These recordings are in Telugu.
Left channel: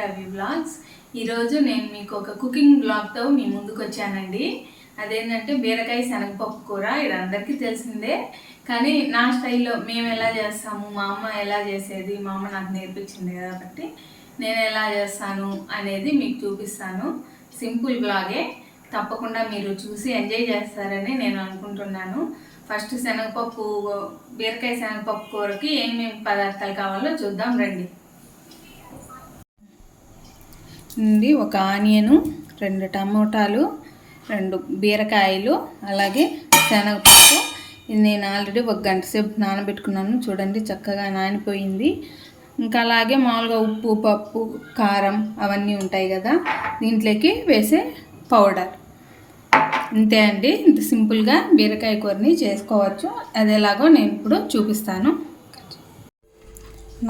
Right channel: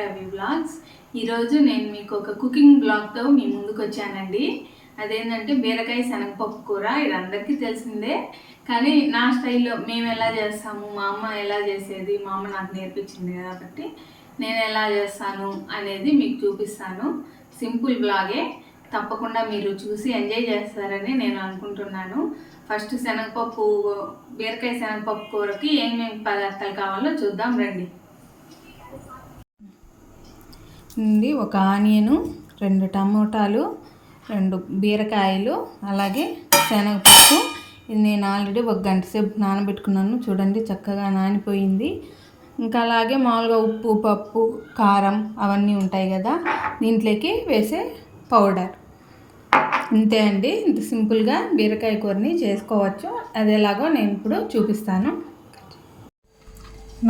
రవి బ్లాగ్స్. ఈరోజు నేను మీకు ఒక కుకింగ్ బ్లాగ్తో మీ ముందుకు వచ్చానండి. అదేంటంటే బీరకాయ శనగపప్పు కూర. ఇది అందరికీ తెలిసిందే, కానీ నా స్టైల్లో మేము ఎలా చేస్తాము, మా అమ్మ ఎలా చేసేది, మా అమ్మ నాకు నేర్పించింది కాబట్టి నేను ఎలా చేస్తాను అనేది మీకు చూపిస్తాను. సింపుల్ బ్లాగే, తప్పకుండా మీరు చూసి ఎంజాయ్ చేస్తారని నేను అనుకుంటున్నాను. ఫస్ట్ శనగపప్పు, బీరకాయ శనగపప్పు కూరకి ఏమేమి పదార్థాలు కావాలో చూద్దాం రండి. ఒక ఆనియను, 2 టమోటాలు, 2 బీరకాయలు, అలాగే శనగపప్పు. ఇది నేను ఆల్రెడీ 1 గంట సేపు నానబెట్టుకున్నాను. చూడండి చక్కగా నానిపోయింది. ఇంకా అలాగే మామూలుగా ఉప్పు, పప్పు, కారం అవన్నీ ఉంటాయి కదా, దీంట్లోకి వేసే పౌడర్. ఇంతే అండి. ఇంత సింపుల్గా బీరకాయ కూరని చేసుకోవచ్చు. అది ఎలాగో నేను ఇప్పుడు చూపిస్తాను.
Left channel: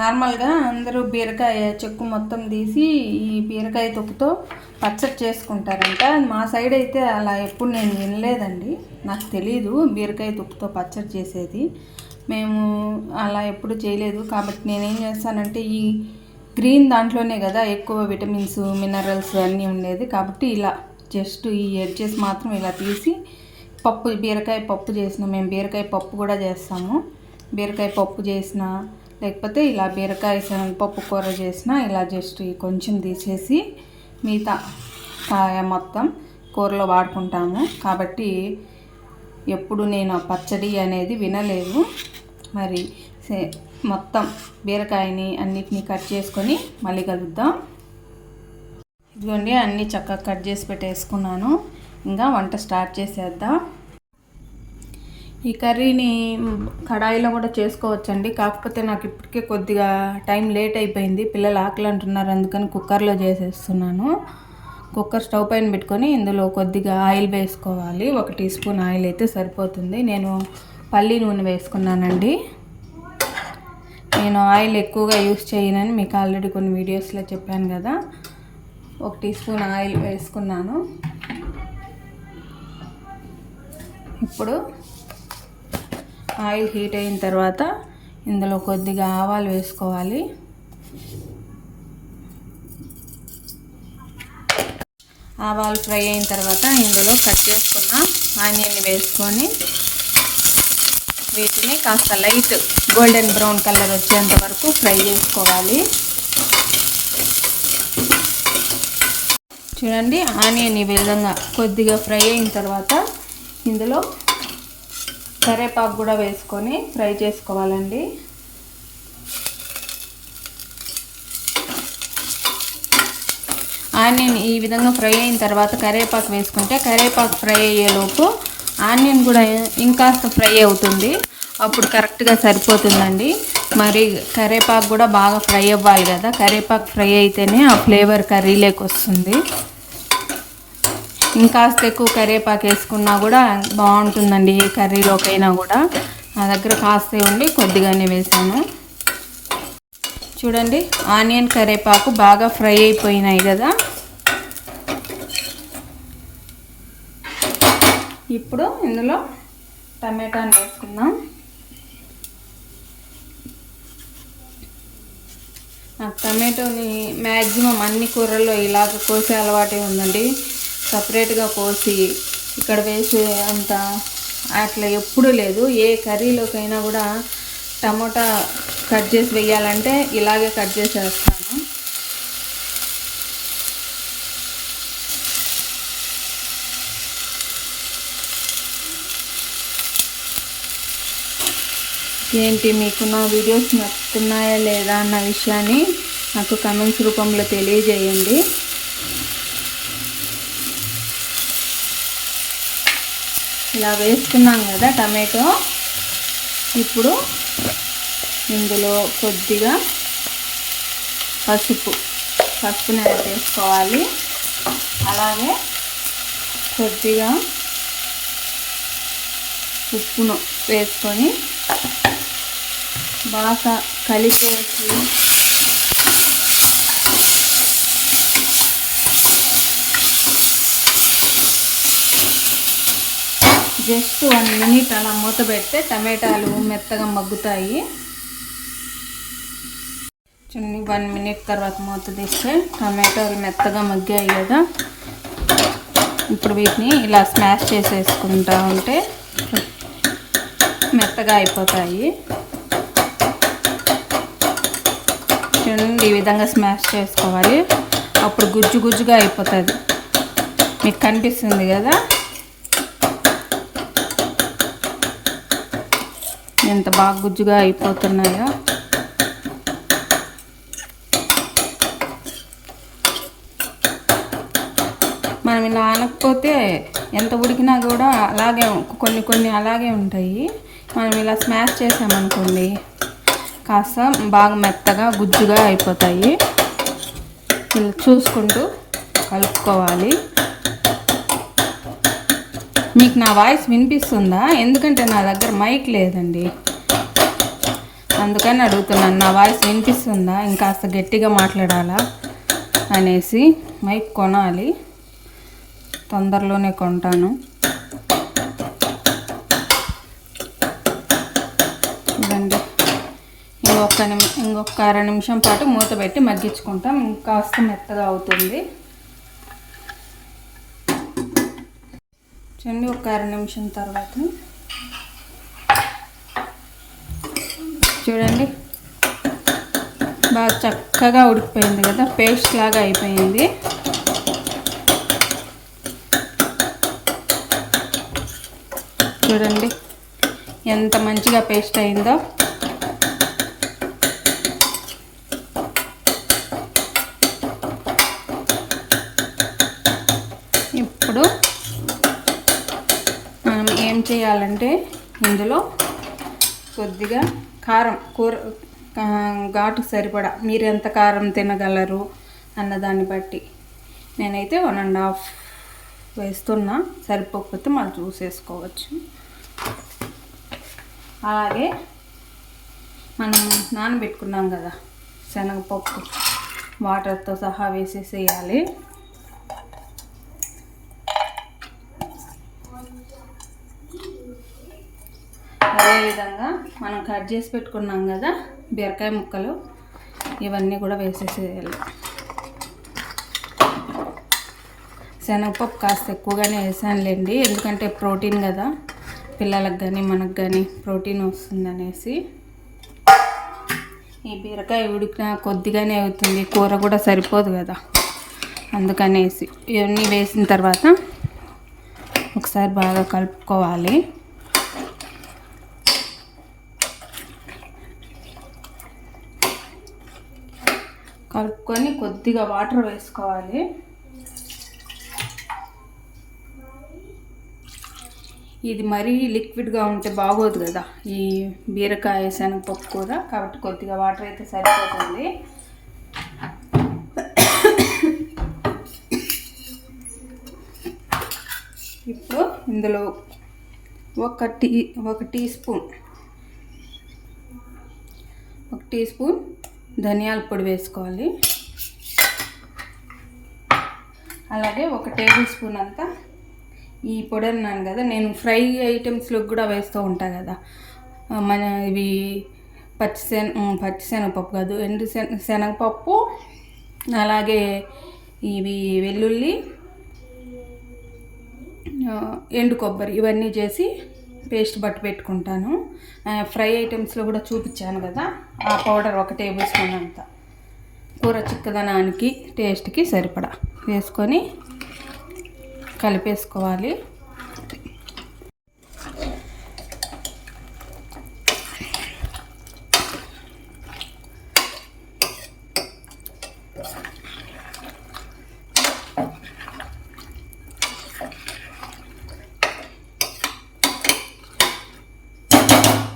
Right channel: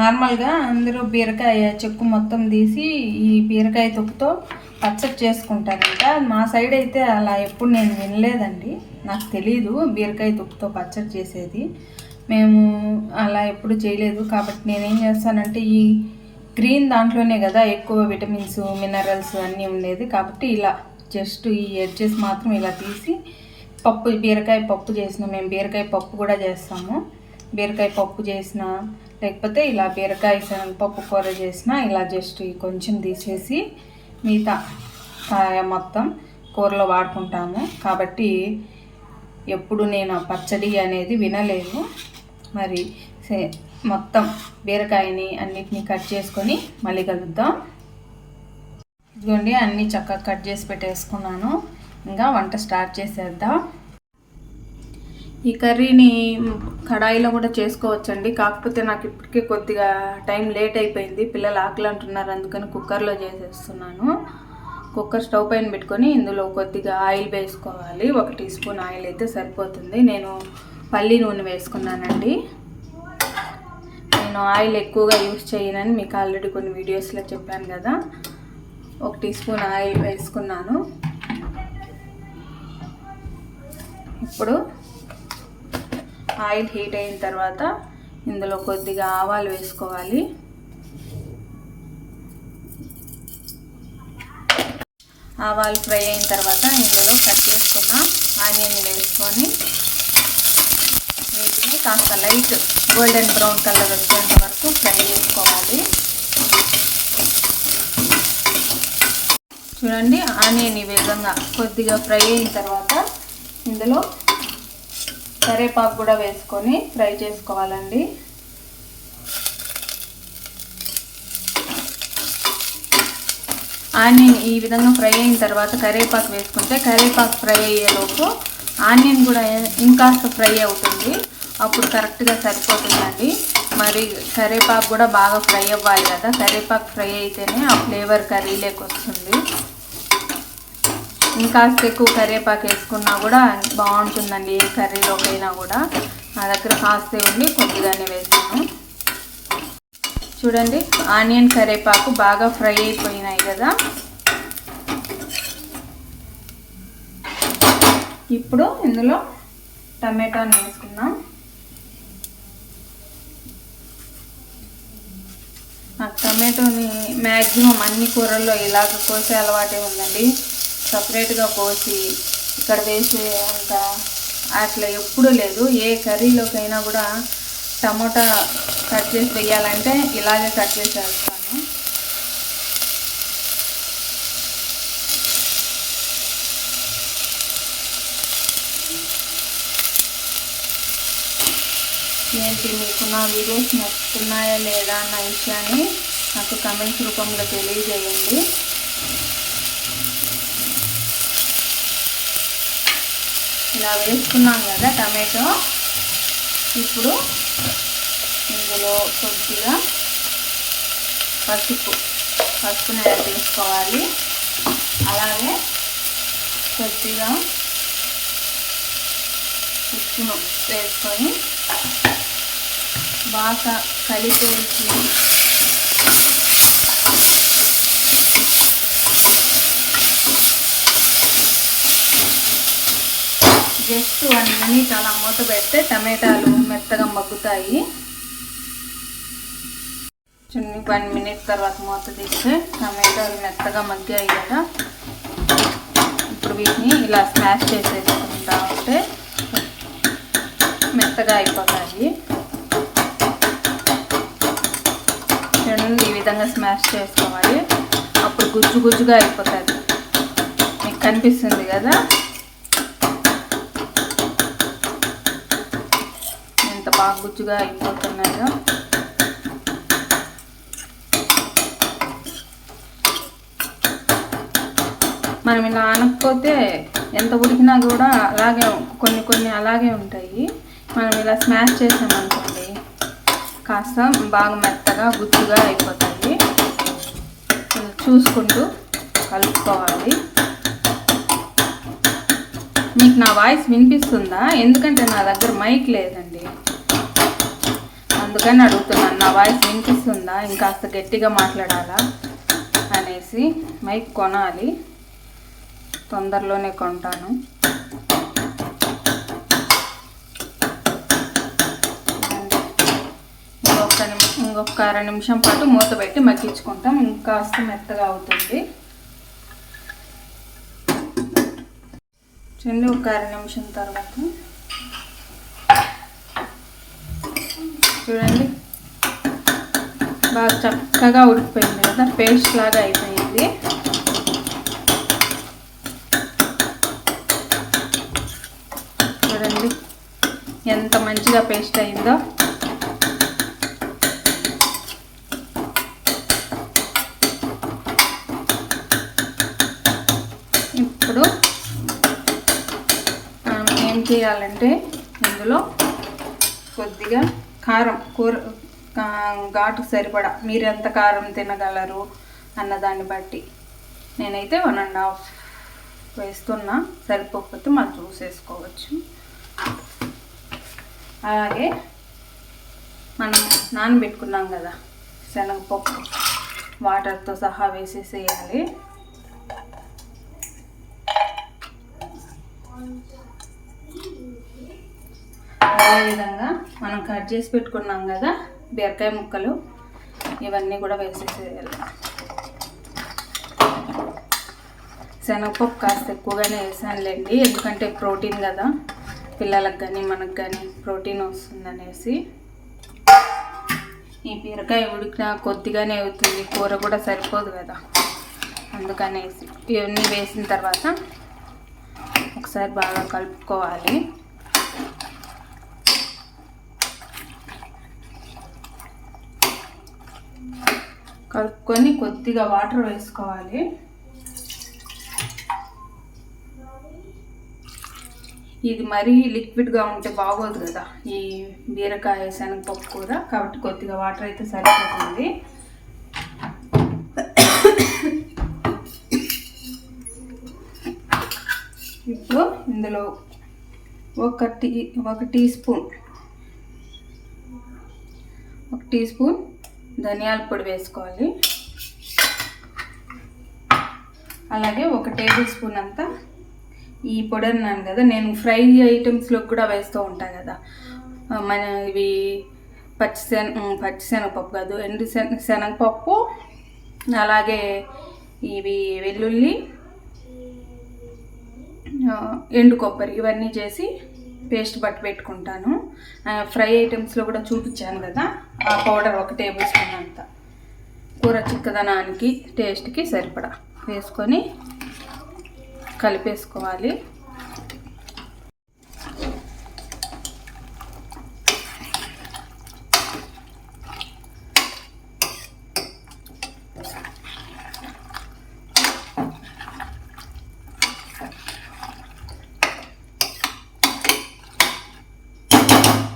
నార్మల్గా అందరూ బీరకాయ చెక్కు మొత్తం తీసి ఈ బీరకాయ తొక్కుతో పచ్చడి చేసుకుంటారంట. మా సైడ్ అయితే అలా ఎప్పుడు నేను వినలేదండి, నాకు తెలీదు బీరకాయ తొక్కుతో పచ్చడి చేసేది. మేము అలా ఎప్పుడు చేయలేదు. కాబట్టి నేనేం చేస్తానంటే ఈ గ్రీన్ దాంట్లోనే కదా ఎక్కువ విటమిన్స్, మినరల్స్ అన్నీ ఉండేది. కాబట్టి ఇలా జస్ట్ ఈ ఎడ్జెస్ మాత్రం ఇలా తీసి పప్పు, బీరకాయ పప్పు చేసిన, మేము బీరకాయ పప్పు కూడా చేస్తాము. బీరకాయ పప్పు చేసిన, లేకపోతే ఇలా బీరకాయ పప్పు కూర చేసిన, ఇలా జస్ట్ కొంచెం తీసేసి మిగతా మొత్తం కూరలో వాడుకుంటాము. కాబట్టి ఎప్పుడు నేను ఆ పచ్చడి అనేది వినలేదు. మరి మొత్తం బీరకాయని అన్నిటినీ కట్ చేసుకొని మళ్ళీ కలుద్దాం. ఇదిగోండి, అన్నీ చక్కగా కట్ చేసి పెట్టేసుకున్నాను. ఇంకా వంట స్టార్ట్ చేసేద్దాం. ఈ కర్రీని కడాయిలో కూడా చేసుకోవచ్చండి. కాకపోతే నాకు ఇప్పటికే కొద్దిగా టైం లేట్ అయిపోయింది, పిల్లలు ఆకలి అంటున్నారు, అందుకని కుక్కర్లో చేసేస్తున్నాను. కుక్కర్ స్టవ్ పైన పెట్టుకొని ఇందులో కొద్దిగా ఆయిల్ వేసుకోవాలి. 1 టీ స్పూన్ ఆయిల్ అయితే సరిపోతుంది. నేను పల్లి నూనె వేసుకున్నానండి. నేను ఆయిల్ ఎక్కువగా యూస్ చేయనని మీకు ఆల్రెడీ కొన్ని వీడియోస్లో చెప్పాను కదా. 1 టీ స్పూన్ ఆయిల్ వేసుకున్నాను. ఇప్పుడు ఆయిల్ హీట్ అయిన తర్వాత ఇందులో కొద్దిగా ఆవాలు వేసుకోవాలి. ఆవాలు ఫ్రై అయిన తర్వాత ఇందులో కట్ చేసుకున్న ఆనియన్ని వేసుకొని వీటిని కాస్త లైట్ గోల్డెన్ బ్రౌన్ కలర్ వచ్చేంత వరకు ఫ్రై చేసుకోవాలి. చూడండి, ఆనియన్ ఈ విధంగా కొద్దిగా ఫ్రై అయిన తర్వాత ఇందులో కరివేపాకు కూడా వేసుకొని ఫ్రై చేసుకోవాలండి. ఆనియన్ ఈ విధంగా ఫ్రై అయిన తర్వాత కరివేపాకు వేసుకుంటే కరివేపాకు ఫ్రై అయ్యేలోపు ఆనియన్ కూడా ఇంకాస్త ఫ్రై అవుతుంది. అప్పుడు కరెక్ట్గా సరిపోతుందండి. మరి కరివేపాకు కూడా బాగా ఫ్రై అవ్వాలి కదా, కరివేపాకు ఫ్రై అయితేనే ఆ ఫ్లేవర్ కర్రీలోకి వస్తుంది. ఇంకాస్త ఎక్కువ కరివేపాకు వేసుకున్నా కూడా బాగుంటుందండి ఏ కర్రీలోకైనా కూడా. నా దగ్గర కాస్త ఉండి కొద్దిగానే వేసాను. చూడండి, ఆనియన్ కరివేపాకు బాగా ఫ్రై అయిపోయినాయి కదా. ఇప్పుడు ఇందులో టమాటాని వేసుకుందాం. నాకు టమాటోని మ్యాక్సిమం అన్ని కూరల్లో ఇలాగ కోసే అలవాటే ఉందండి. సపరేట్గా కోసి ఇక్కడ వేసే అంత అట్లా ఎప్పుడూ లేదు. ఏ కర్రీలోకైనా కూడా టమోటా కట్ చేసి వేయాలంటే ఇలాగే కట్ చేసి వేస్తాను. ఏంటి, మీకు నా వీడియోస్ నచ్చుతున్నాయా లేదా అన్న విషయాన్ని నాకు కమెంట్స్ రూపంలో తెలియజేయండి. ఇలా వేసుకున్నాం కదా టమాటో. ఇప్పుడు ఇందులో కొద్దిగా పసుపుని యాడ్ చేసుకోవాలి. అలాగే కొద్దిగా ఉప్పును వేసుకొని బాగా కలిపేసి జస్ట్ 1 మినిట్ అలా మూత పెడితే టమాటాలు మెత్తగా మగ్గుతాయి. చిన్న 1 మినిట్ తర్వాత మూత తీస్తే టమాటాలు మెత్తగా మగ్గాయి కదా. ఇప్పుడు వీటిని ఇలా స్మాష్ చేసేసుకుంటా ఉంటే మెత్తగా అయిపోతాయి. చూడండి, ఈ విధంగా స్మాష్ చేసుకోవాలి. అప్పుడు గుజ్జు గుజ్జుగా అయిపోతుంది. మీకు కనిపిస్తుంది కదా ఎంత బాగా గుజ్జుగా అయిపోతున్నాయో. మనం ఇలా అనకపోతే ఎంత ఉడికినా కూడా అలాగే కొన్ని అలాగే ఉంటాయి. మనం ఇలా స్మాష్ చేసామనుకోండి కాస్త బాగా మెత్తగా గుజ్జుగా అయిపోతాయి. ఇలా చూసుకుంటూ కలుపుకోవాలి. మీకు నా వాయిస్ వినిపిస్తుందా? ఎందుకంటే నా దగ్గర మైక్ లేదండి, అందుకని అడుగుతున్నాను. నా వాయిస్ వినిపిస్తుందా, ఇంకాస్త గట్టిగా మాట్లాడాలా అనేసి. మైక్ కొనాలి, తొందరలోనే కొంటాను. ఇంకొక 2 నిమిషం పాటు మూత పెట్టి మగ్గించుకుంటాం. ఇంకాస్త మెత్తగా అవుతుంది. చూడండి, ఒక 2 నిమిషం తర్వాత చూడండి బాగా చక్కగా ఉడికిపోయింది కదా, పేస్ట్ లాగా అయిపోయింది. చూడండి ఎంత మంచిగా పేస్ట్ అయిందో. ఇప్పుడు మనం ఏం చేయాలంటే ఇందులో కొద్దిగా కారం, కూర ఘాటు సరిపడా మీరు ఎంత కారం తినగలరు అన్నదాన్ని బట్టి, నేనైతే 1.5 వేస్తున్నా. సరిపోకపోతే మళ్ళీ చూసేసుకోవచ్చు. అలాగే మనం నానబెట్టుకున్నాం కదా శనగపప్పు, వాటర్తో సహా వేసేసేయాలి. అదేవిధంగా మనం కట్ చేసి పెట్టుకున్నాం కదా బీరకాయ ముక్కలు, ఇవన్నీ కూడా వేసేసేయాలి. శనగపప్పు కాస్త ఎక్కువగానే వేసానులేండి, ఎందుకంటే ప్రోటీన్ కదా, పిల్లలకు కానీ మనకు కానీ ప్రోటీన్ వస్తుందనేసి. ఈ బీరకాయ ఉడికిన కొద్దిగానే అవుతుంది, కూర కూడా సరిపోదు కదా, అందుకనేసి ఇవన్నీ వేసిన తర్వాత ఒకసారి బాగా కలుపుకోవాలి. కలుపుకొని కొద్దిగా వాటర్ వేసుకోవాలి. ఇది మరీ లిక్విడ్గా ఉంటే బాగోదు కదా ఈ బీరకాయ శనగపప్పు కూర, కాబట్టి కొద్దిగా వాటర్ అయితే సరిపోతుంది. ఇప్పుడు ఇందులో ఒక టీ స్పూన్ ధనియాల పొడి వేసుకోవాలి. అలాగే 1 టేబుల్ స్పూన్ అంతా ఈ పొడి అన్నాను కదా, నేను ఫ్రై ఐటమ్స్లో కూడా వేస్తూ ఉంటాను కదా, మన ఇవి పచ్చిశనగపప్పు కాదు, శనగపప్పు, అలాగే ఇవి వెల్లుల్లి, ఎండు కొబ్బరి, ఇవన్నీ చేసి పేస్ట్ బట్టి పెట్టుకుంటాను. ఫ్రై ఐటమ్స్లో కూడా చూపించాను కదా, ఆ పౌడర్ 1 టేబుల్ స్పూన్ అంతా కూర చిక్కదనానికి టేస్ట్కి సరిపడా వేసుకొని కలిపేసుకోవాలి.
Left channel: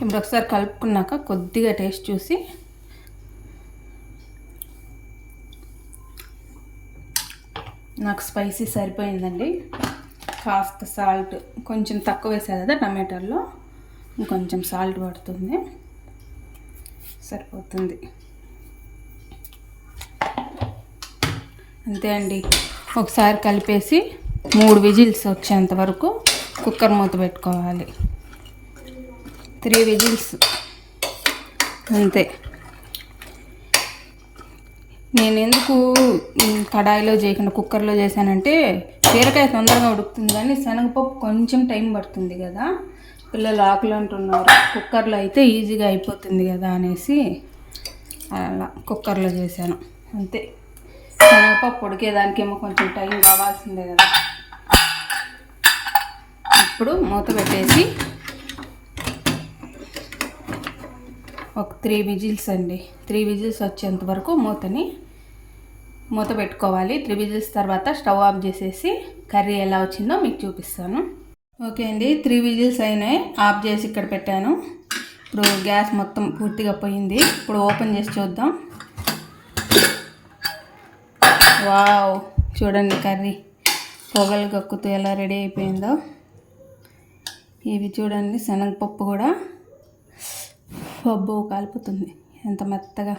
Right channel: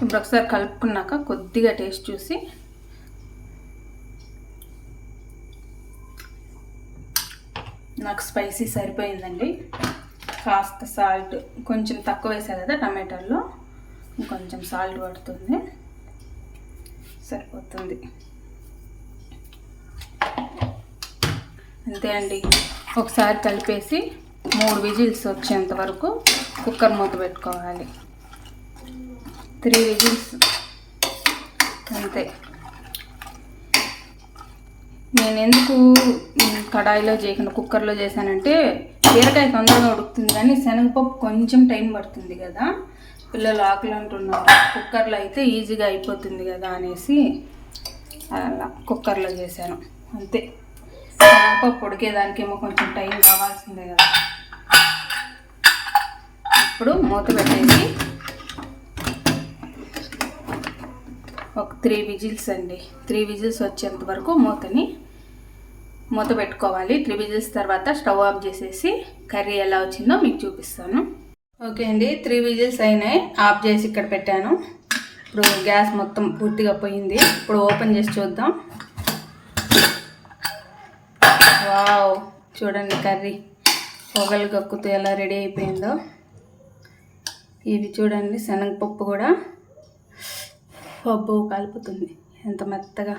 ఇప్పుడు ఒకసారి కలుపుకున్నాక కొద్దిగా టేస్ట్ చూసి నాకు స్పైసీ సరిపోయిందండి. కాస్త సాల్ట్ కొంచెం తక్కువ వేసా కదా టమాటాల్లో, కొంచెం సాల్ట్ పడుతుంది, సరిపోతుంది. అంతే అండి. ఒకసారి కలిపేసి 3 విజిల్స్ వచ్చేంత వరకు కుక్కర్ మూత పెట్టుకోవాలి. 3 విజిల్స్ అంతే. నేను ఎందుకు కడాయిలో చేయకుండా కుక్కర్లో చేశానంటే బీరకాయ తొందరగా ఉడుకుతుంది, కానీ శనగపప్పు కొంచెం టైం పడుతుంది కదా, పిల్లలు ఆకులు అంటున్నారు. కుక్కర్లో అయితే ఈజీగా అయిపోతుంది కదా అనేసి అలా కుక్కర్లో చేశాను అంతే. శనగపప్పు ఉడికేదానికేమో కొంచెం టైం కావాల్సిందే కదా. ఇప్పుడు మూత పెట్టేసి ఒక 3 విజిల్స్ అండి, 3 విజిల్స్ వచ్చేంత వరకు మూత పెట్టుకోవాలి. 3 విజిల్స్ తర్వాత స్టవ్ ఆఫ్ చేసేసి కర్రీ ఎలా వచ్చిందో మీకు చూపిస్తాను. ఓకే అండి, 3 విజిల్స్ అయినాయి, ఆఫ్ చేసి ఇక్కడ పెట్టాను. ఇప్పుడు గ్యాస్ మొత్తం పూర్తిగా పోయింది. ఇప్పుడు ఓపెన్ చేసి చూద్దాం. వావ్, చూడండి కర్రీ పొగలు కక్కుతూ ఎలా రెడీ అయిపోయిందో. ఇవి చూడండి, శనగపప్పు కూడా పప్పు కలుపుతుంది, ఎంత మెత్తగా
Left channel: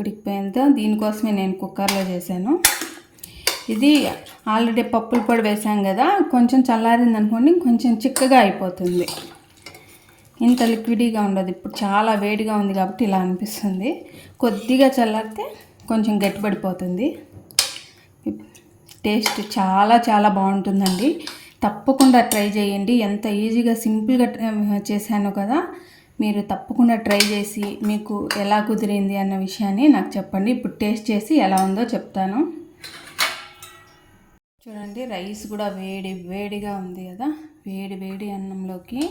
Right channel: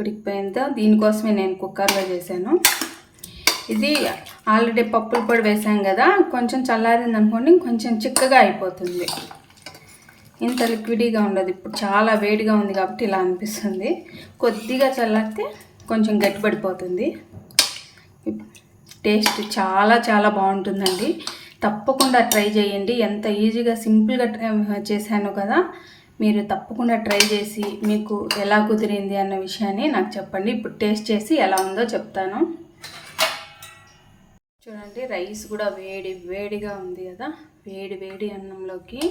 ఉడికిపోయిందో. దీనికోసమే నేను కుక్కర్లో చేశాను. ఇది ఆల్రెడీ పప్పుల పొడి వేసాం కదా, కొంచెం చల్లారింది అనుకోండి కొంచెం చిక్కగా అయిపోతుంది, ఇంత లిక్విడీగా ఉండదు. ఇప్పుడు చాలా వేడిగా ఉంది కాబట్టి ఇలా అనిపిస్తుంది. కొద్దిగా చల్లారితే కొంచెం గట్టిపడిపోతుంది. టేస్ట్ చాలా చాలా బాగుంటుందండి, తప్పకుండా ట్రై చేయండి. ఎంత ఈజీగా సింపుల్గా చేశాను కదా, మీరు తప్పకుండా ట్రై చేసి మీకు ఎలా కుదిరింది అన్న విషయాన్ని నాకు చెప్పండి. ఇప్పుడు టేస్ట్ చేసి ఎలా ఉందో చెప్తాను. చూడండి, రైస్ కూడా వేడి వేడిగా ఉంది కదా, వేడి వేడి అన్నంలోకి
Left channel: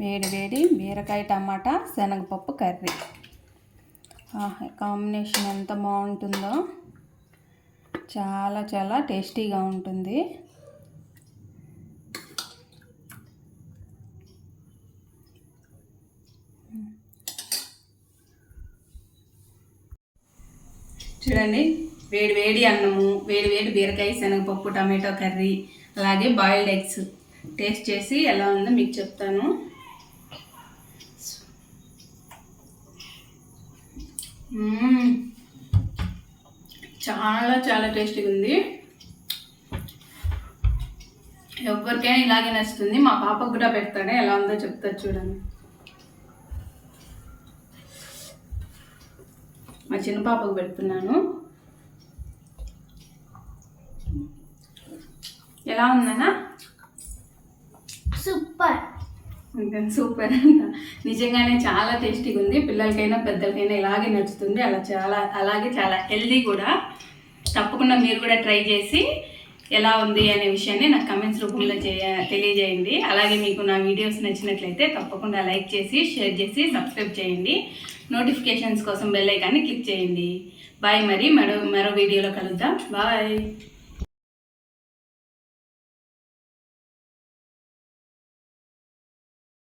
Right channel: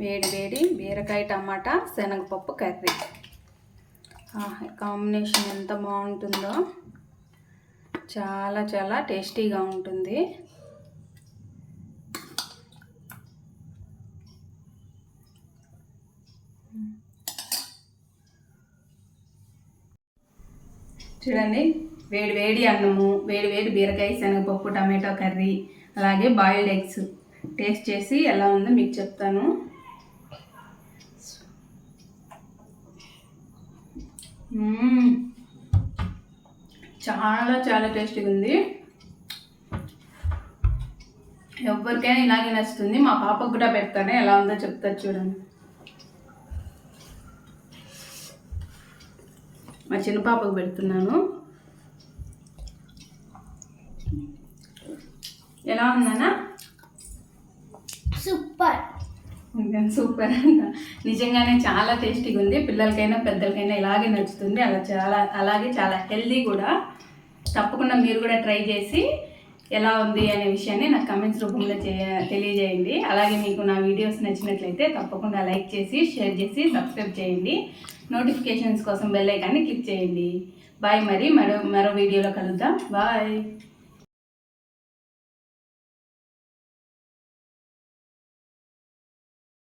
వేడి వేడి బీరకాయ టమాటా శనగపప్పు కర్రీ. కాంబినేషన్ ఎంత బాగుంటుందో, చాలా చాలా టేస్టీగా ఉంటుంది. చూడండి, వేడి వేడి అన్నము, వేడి వేడి బీరకాయ శనగపప్పు టమాటో కర్రీ, అలాగే బాయిల్డ్ ఎగ్స్. టేస్ట్ చేసి ఎలా ఉందో మీకు చెప్తాను. చాలా చాలా టేస్టీగా ఉంది, ఎవరికైనా ఇలాగే నచ్చుతుంది. మా పాపకు కూడా పెడతాను, ఎలా ఉందో చెప్తారు చూడండి. మా చిన్న పాపకు పెడుతున్నాను. ఎలా ఉందన్నా? సూపర్, సూపర్ అంట. నిజంగానే చాలా టేస్టీగా ఉంది, పిల్లలకైనా పెద్దలకైనా ఇలాగే నచ్చుతుంది. అలాగే చాలా హెల్దీ కూడా. తప్పకుండా మీరు కూడా ట్రై చేసి ఎలా ఉంది అనే విషయాన్ని నాకు కమెంట్స్ రూపంలో తెలియజేయండి. అలాగే మీకు నా వీడియోస్ నచ్చినట్లయితే తప్పకుండా లైక్ చేసి, షేర్ చేసి, సబ్స్క్రైబ్ చేయండి. నోటిఫికేషన్స్ కోసం బెల్ ఐకాన్ని క్లిక్ చేయండి. బాయ్, మరి మరో వీడియోలో కలుద్దాం. బాయ్.